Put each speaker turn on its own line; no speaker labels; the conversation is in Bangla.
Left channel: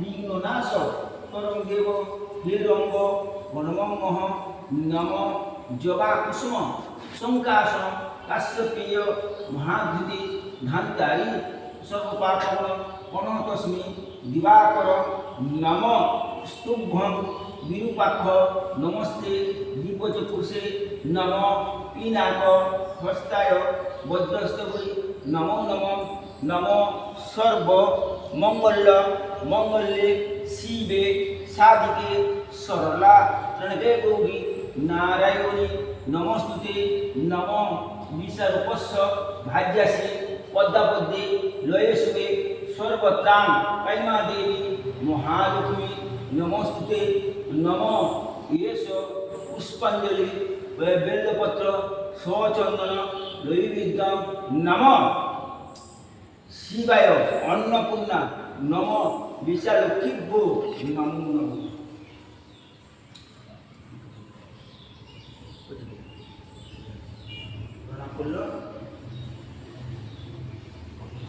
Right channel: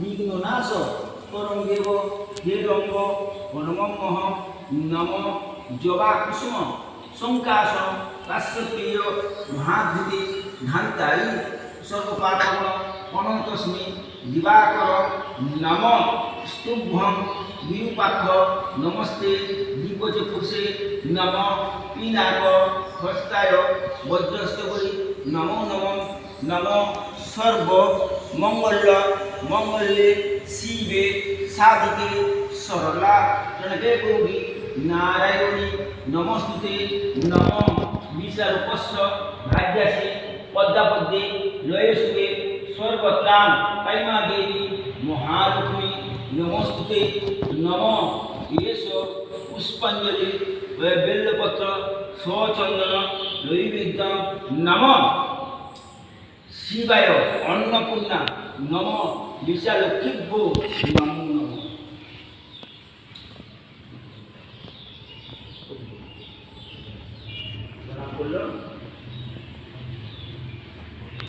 বিঘ্ন নাশ করং দেব হে রঙ্গ হনুমহ নম জবা কুসুম, শঙ্কাশ, কাশ্যপেয় মহাধৃতি ঘান্তারি সর্বপাপন অনন্তস্মি দিবাকর নম স্তুভ্যং বিরূপাক্ষ নমস্তে দীপচক্ষুষে নম পিনাক হস্তায় বজ্রস্তবৈ নমো নম নম সর্ব মঙ্গল মঙ্গলে শিবে সাধিকে সরলা। প্রণবে গৌরী নারায়ণী নমস্তুতে নম। বিশারূপস্য ভাজ্যাসি পদ্মাপদ্মে লয়েশুবে সর্বত্রাং কাইমা দেবী মহালক্ষ্মী নমস্তুতে নম। এস পুষ্পাঞ্জলি বেল্লপত্র স্বচন্দন নৈবেদ্যম নম। শিবায় অন্নপূর্ণা নম বিশালক্ষীভ্যো নমো। নম পড়ল?